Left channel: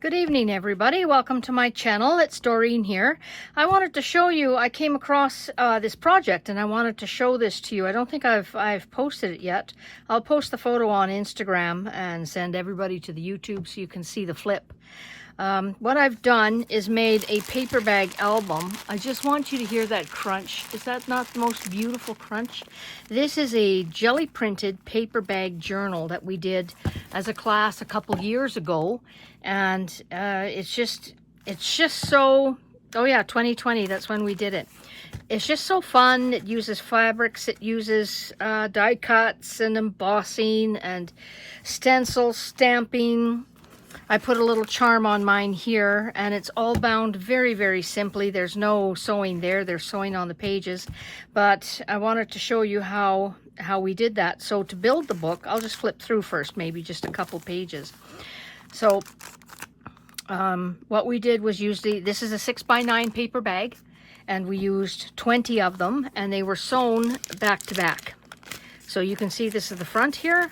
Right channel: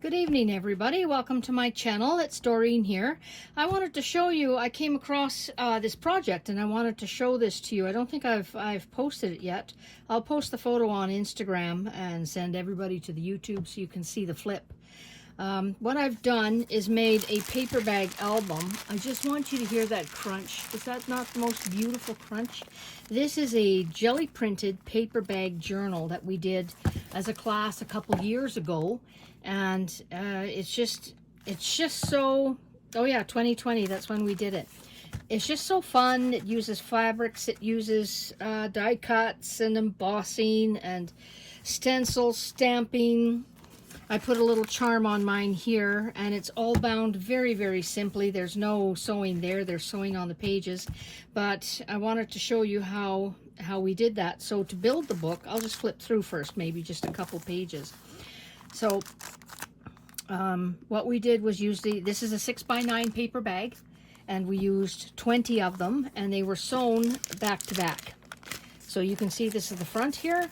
Good evening, everybody. Welcome to my channel. It's Doreen here. I wanted to show you, I came across this project and I wanted to show this to you. I don't think I've posted it yet. I'll post the photo on Instagram and send everybody to the YouTube so you can see the flip. What I've done is made a paper bag album. I just want you to hear that crunch. Is that not the most beautiful crunch? This is a jelly printed paper bag journal that we did as a class a couple years ago. And it's just so, oh yeah, 2020, that's when we did it. It's just so fun. It uses fabrics, it uses die cuts and embossing and stencil stamping. I put a little charm on mine here, and it's all bound very, very simply. There's no sewing there. There's sewing on the pages, but I wanted to show you how we did that. So to build the book, I'll just flip through first, maybe just a couple pages. So what we did was use this is a 6x9 paper bag, and we used 20 of them, and they were sewn back to back. So you can see this is the front here,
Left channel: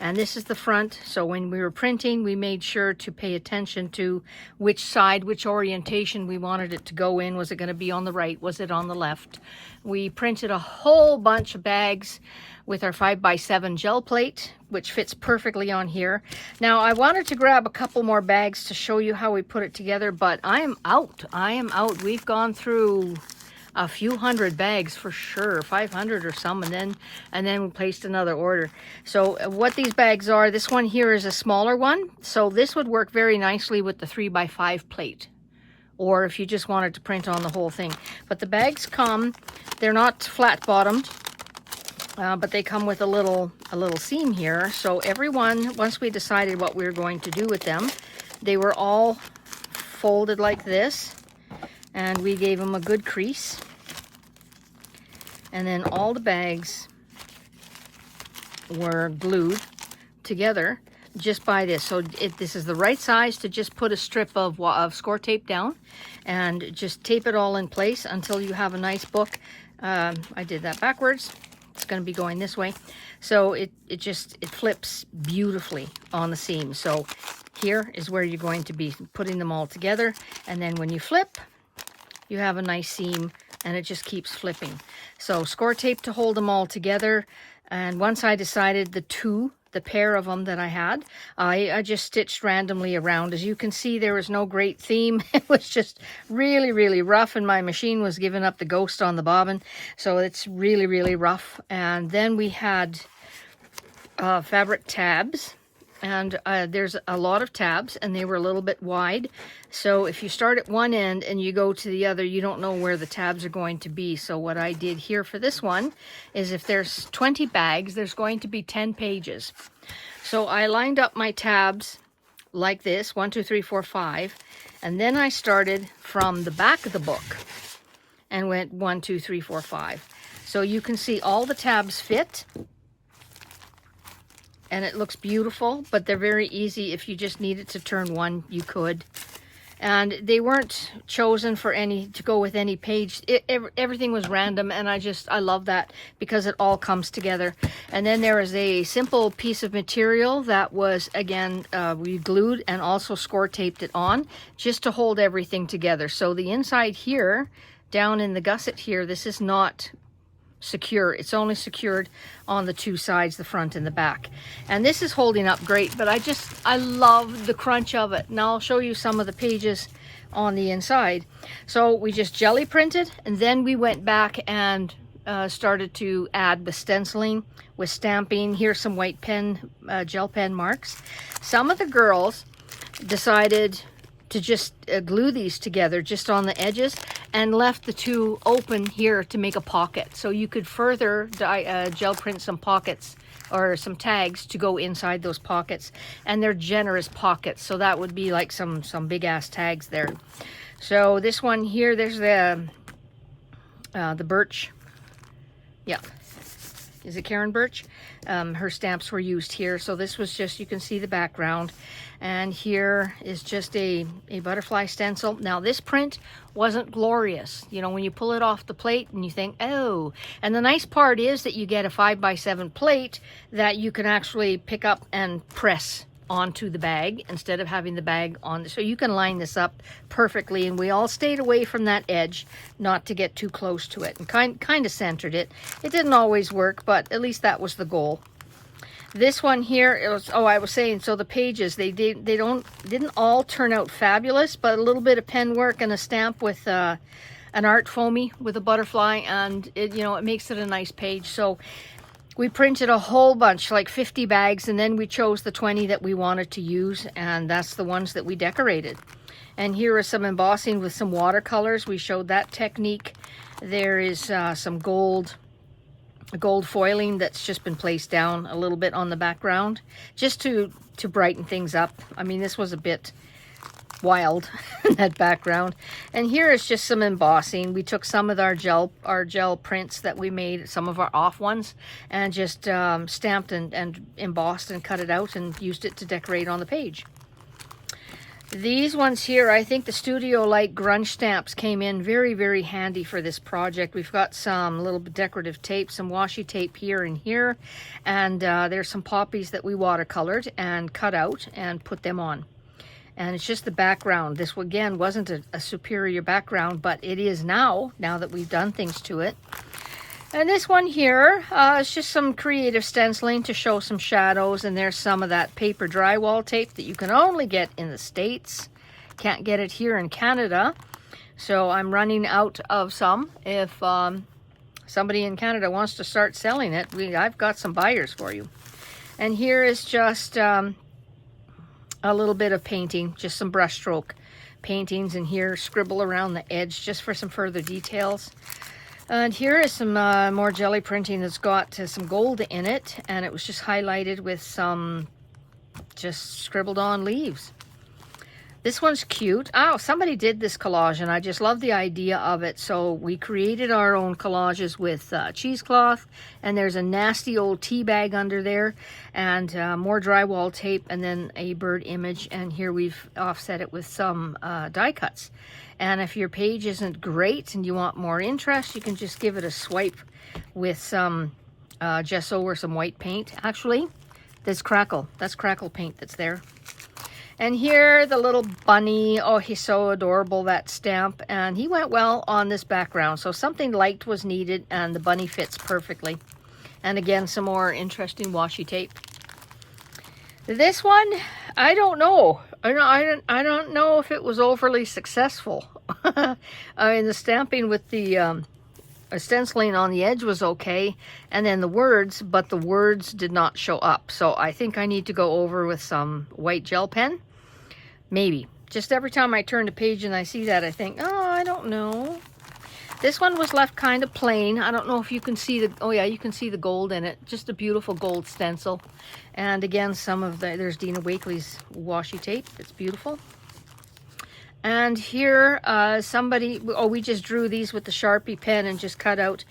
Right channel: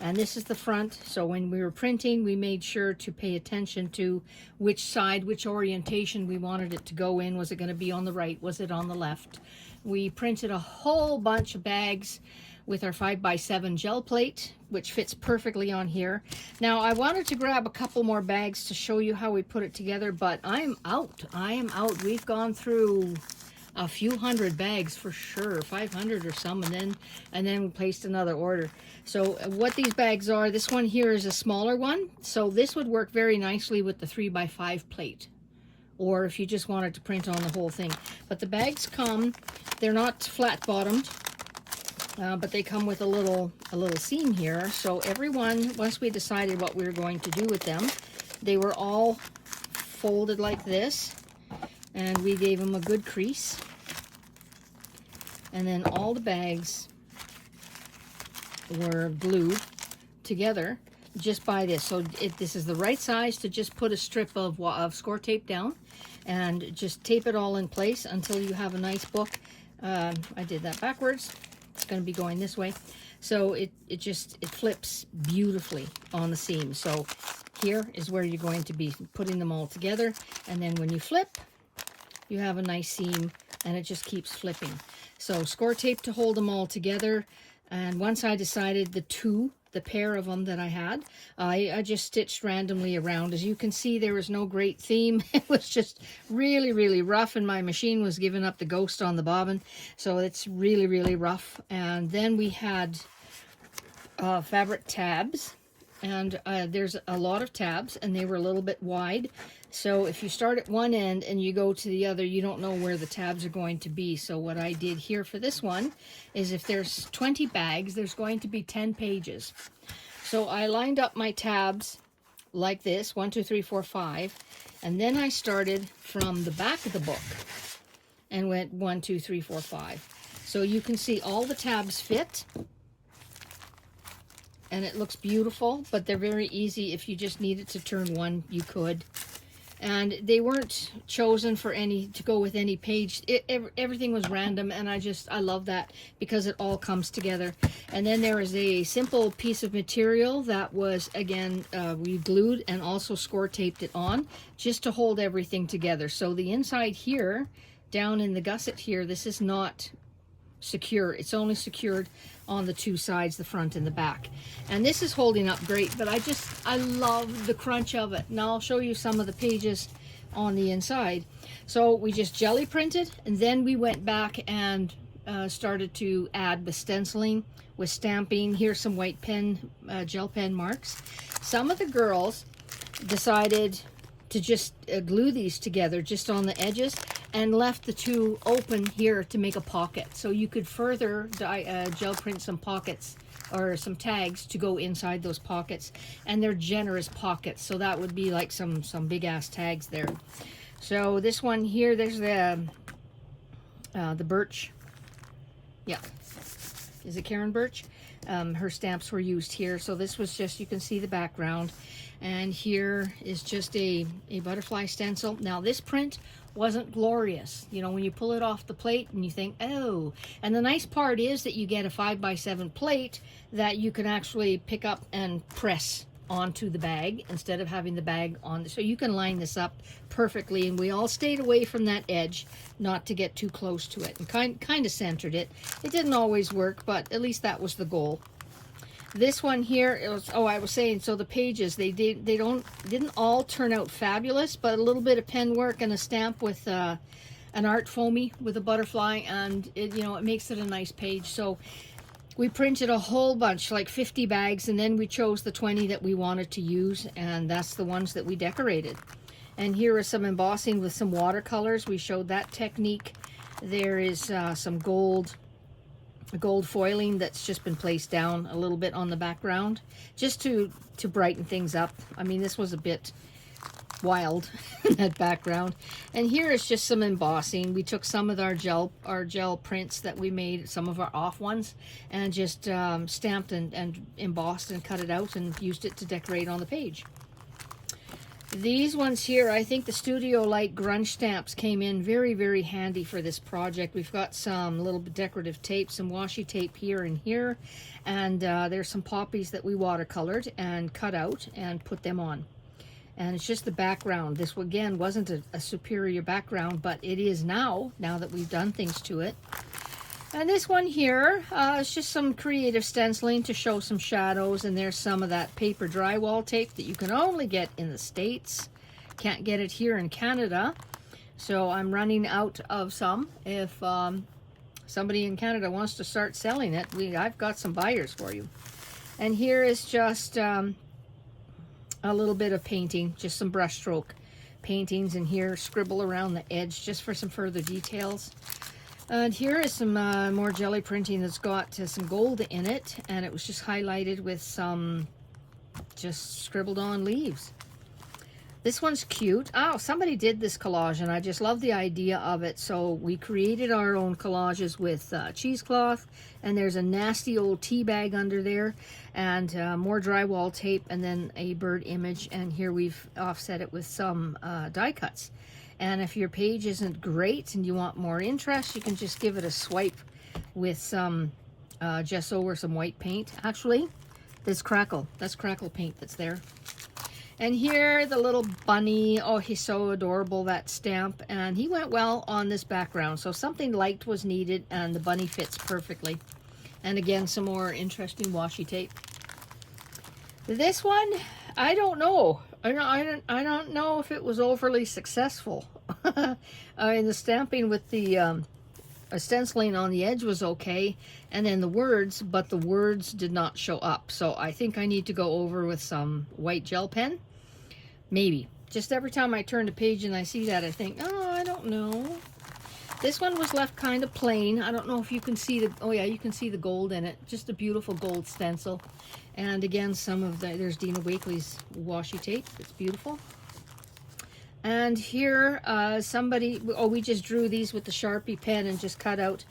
and this is the front. So when we were printing, we made sure to pay attention to which side, which orientation we wanted it to go in. Was it going to be on the right? Was it on the left? We printed a whole bunch of bags with our 5x7 gel plate, which fits perfectly on here. Now, I wanted to grab a couple more bags to show you how we put it together, but I am out. We've gone through a few hundred bags for sure, 500 or some, and then we placed another order. So what these bags are, this one here is a smaller one, so this would work very nicely with the 3x5 plate, or if you just wanted to print on the whole thing. But the bags come, they're not flat bottomed, but they come with a little seam here. So everyone, once we decided what we were going to do with them, they were all folded like this, and we gave them a good crease. And then all the bags were glued together just by this. So this is the right size to just put a strip of score tape down and just tape it all in place until you have a nice book. I did that backwards. It's going to be going this way. So it flips beautifully on the seam. So here is where you're going to be putting them all together, and then when you flip, you have a nice seam, and it just keeps flipping. So score tape to hold them all together. And once I decided the pair of them that I had, I just stitched randomly around. As you can see, there was no great theme. It was just really, really rough, and my machine was giving up the ghost on the bobbin. So it's really, really rough. And then we had fabric tabs, and there's a lot of tabs, and they were a little bit wide. So if you start at one end and you go to the other, you don't know where the tabs are going to be. So what I did here for this one is, if there's 20 bags, there's going to be 10 pages. So I lined up my tabs like this, 1, 2, 3, 4, 5. And then I started from the back of the book and went 1, 2, 3, 4, 5. So you can see all the tabs fit. And it looks beautiful, but they're very easy. If you just needed to turn one, you could. And they weren't chosen for to go with any page. Everything was random, and I love that because it all comes together. And then there is a simple piece of material that was, again, we glued and also score taped it on just to hold everything together. So the inside here, down in the gusset here, this is not secure. It's only secured on the two sides, the front and the back. And this is holding up great, but I love the crunch of it. Now I'll show you some of the pages on the inside. So we just jelly printed, and then we went back and started to add the stenciling with stamping. Here's some white pen, gel pen marks. Some of the girls decided to just glue these together just on the edges, and left the two open here to make a pocket. So you could further gel print some pockets or some tags to go inside those pockets. And they're generous pockets, so that would be like some big ass tags there. So this one here, there's the birch. Yeah. Is it Karen Birch? Her stamps were used here. So this was just, you can see the background. And here is just a butterfly stencil. Now this print wasn't glorious. You know, when you pull it off the plate and you think, oh. And the nice part is that you get a 5x7 plate that you can actually pick up and press onto the bag instead of having the bag on. So you can line this up perfectly, and we all stayed away from that edge not to get too close to it, and kind of centered it. It didn't always work, but at least that was the goal. This one here, it was, oh, I was saying, so the pages, they didn't all turn out fabulous, but a little bit of pen work and a stamp with an art foamy with a butterfly, and it, you know, it makes it a nice page. So we printed a whole bunch, like 50 bags, and then we chose the 20 that we wanted to use, and that's the ones that we decorated. And here is some embossing with some watercolors. We showed that technique. There is some gold foiling that's just been placed down a little bit on the background, just to brighten things up. I mean, this was a bit wild, that background. And here is just some embossing. We took some of our gel prints that we made, some of our off ones, and just stamped and embossed and cut it out and used it to decorate on the page. These ones here, I think the Studio Light grunge stamps came in very, very handy for this project. We've got some little decorative tape, some washi tape here and here, and there's some poppies that we watercolored and cut out and put them on. And it's just the background. This, again, wasn't a superior background, but it is now that we've done things to it. And this one here is just some creative stenciling to show some shadows, and there's some of that paper drywall tape that you can only get in the States. Can't get it here in Canada, so I'm running out of some. If somebody in Canada wants to start selling it, I've got some buyers for you. And here is just a little bit of painting, just some brushstroke paintings, and here scribble around the edge just for some further details. And here is some more jelly printing that's got some gold in it, and it was just highlighted with some just scribbled on leaves. This one's cute. Oh, somebody did this collage, and I just love the idea of it. So we created our own collages with cheesecloth, and there's a nasty old tea bag under there, and more drywall tape, and then a bird image, and here we've offset it with some die cuts. And if your page isn't great and you want more interest, you can just give it a swipe with some gesso or some white paint. Actually, that's crackle paint that's there. And here, the little bunny. Oh, he's so adorable, that stamp. And he went well on this background. So something light was needed, and the bunny fits perfectly. And again, some more interesting washi tape. This one, I don't know. I don't know if it was overly successful. I mean, the stamping with the stenciling on the edge was okay, and then the words, but the words did not show up. So I think I need to go over with some white gel pen. Maybe. Just every time I turn the page and I see that, I think, oh, I don't know. This one was left kind of plain. I don't know if you can see the, oh yeah, you can see the gold in it. Just a beautiful gold stencil. And again, some of the, there's Dina Wakely's washi tape. It's beautiful. And here, we just drew these with the Sharpie pen and just cut out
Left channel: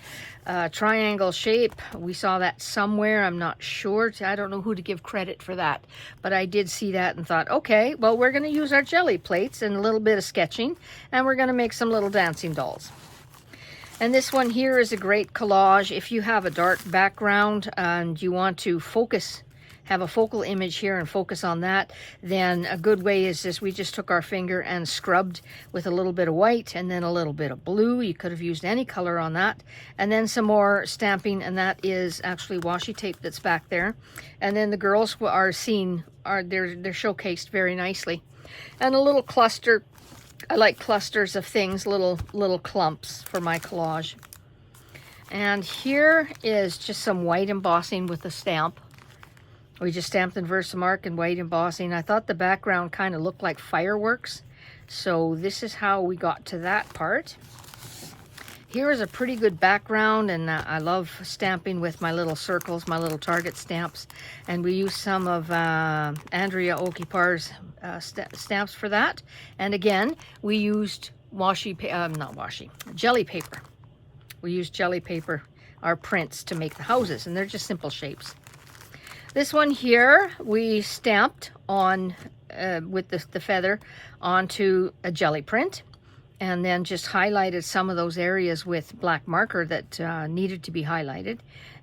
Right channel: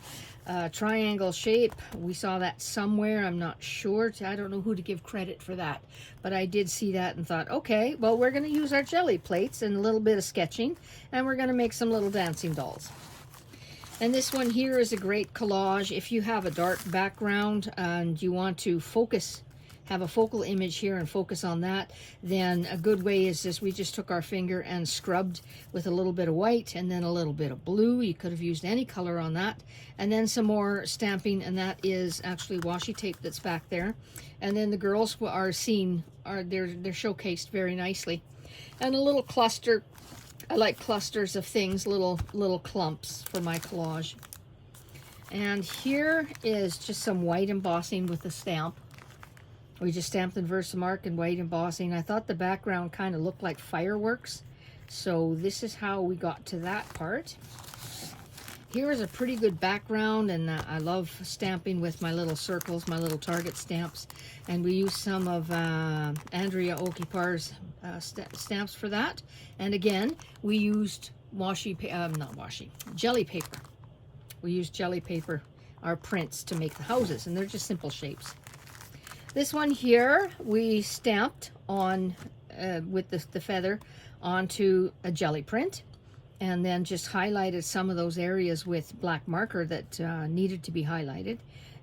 triangle shape. We saw that somewhere. I'm not sure. I don't know who to give credit for that. But I did see that and thought, okay, well, we're going to use our jelly plates and a little bit of sketching. And we're going to make some little dancing dolls. And this one here is a great collage. If you have a dark background and you want to focus, have a focal image here and focus on that, then a good way is this. We just took our finger and scrubbed with a little bit of white and then a little bit of blue. You could have used any color on that. And then some more stamping, and that is actually washi tape that's back there. And then the girls are seen, they're showcased very nicely. And a little cluster. I like clusters of things, little clumps for my collage. And here is just some white embossing with a stamp. We just stamped in Versamark and white embossing. I thought the background kind of looked like fireworks. So this is how we got to that part. Here is a pretty good background, and I love stamping with my little circles, my little target stamps. And we used some of Andrea Okipar's stamps for that. And again, we used jelly paper. We used jelly paper, our prints, to make the houses, and they're just simple shapes. This one here, we stamped on with the feather onto a jelly print, and then just highlighted some of those areas with black marker that needed to be highlighted.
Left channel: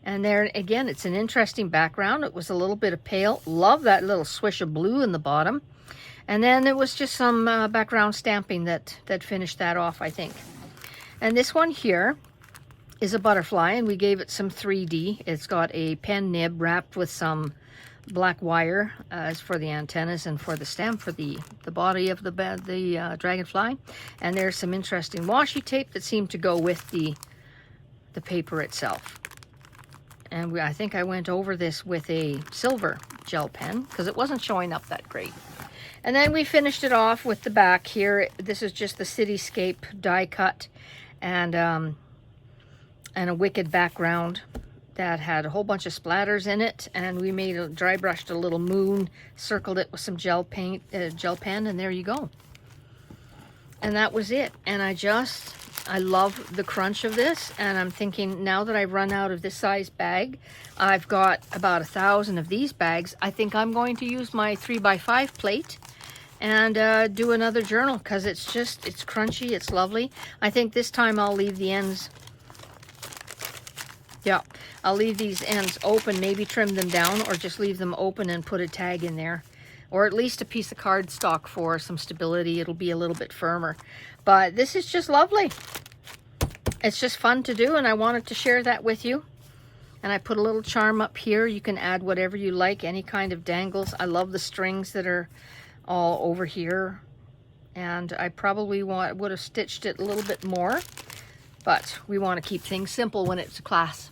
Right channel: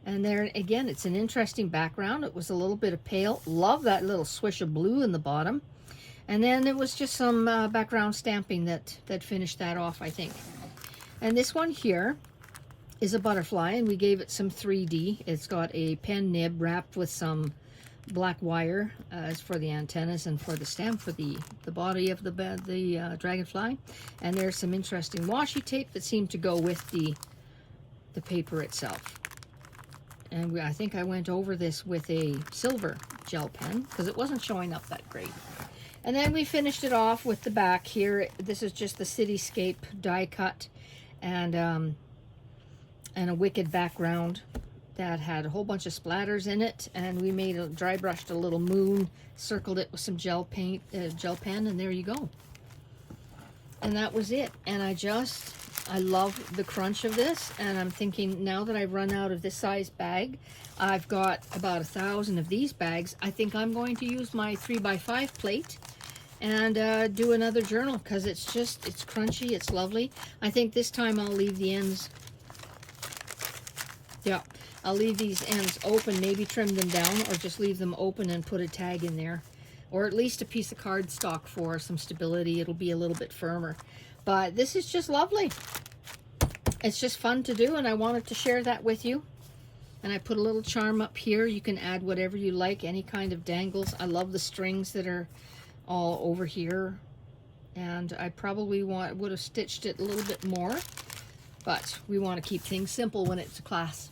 And there again, it's an interesting background. It was a little bit of pale. Love that little swish of blue in the bottom. And then it was just some background stamping that finished that off, I think. And this one here is a butterfly, and we gave it some 3D. It's got a pen nib wrapped with some black wire as for the antennas and for the stem for the body of the dragonfly. And there's some interesting washi tape that seemed to go with the paper itself. And I think I went over this with a silver gel pen because it wasn't showing up that great. And then we finished it off with the back here. This is just the cityscape die cut and a wicked background that had a whole bunch of splatters in it. And we made dry brushed a little moon, circled it with some gel pen, and there you go. And that was it. And I love the crunch of this, and I'm thinking now that I've run out of this size bag, I've got about 1,000 of these bags. I think I'm going to use my 3x5 plate and do another journal because it's crunchy, it's lovely. I think this time I'll leave the ends, yeah, I'll leave these ends open, maybe trim them down or just leave them open and put a tag in there. Or at least a piece of cardstock for some stability. It'll be a little bit firmer. But this is just lovely. It's just fun to do, and I wanted to share that with you. And I put a little charm up here. You can add whatever you like, any kind of dangles. I love the strings that are all over here. And I probably would have stitched it a little bit more. But we want to keep things simple when it's a class.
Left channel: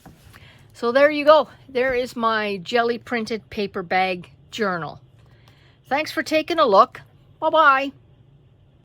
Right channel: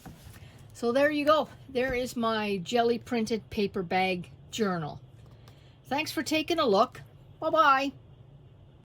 So there you go. There is my jelly printed paper bag journal. Thanks for taking a look. Bye-bye.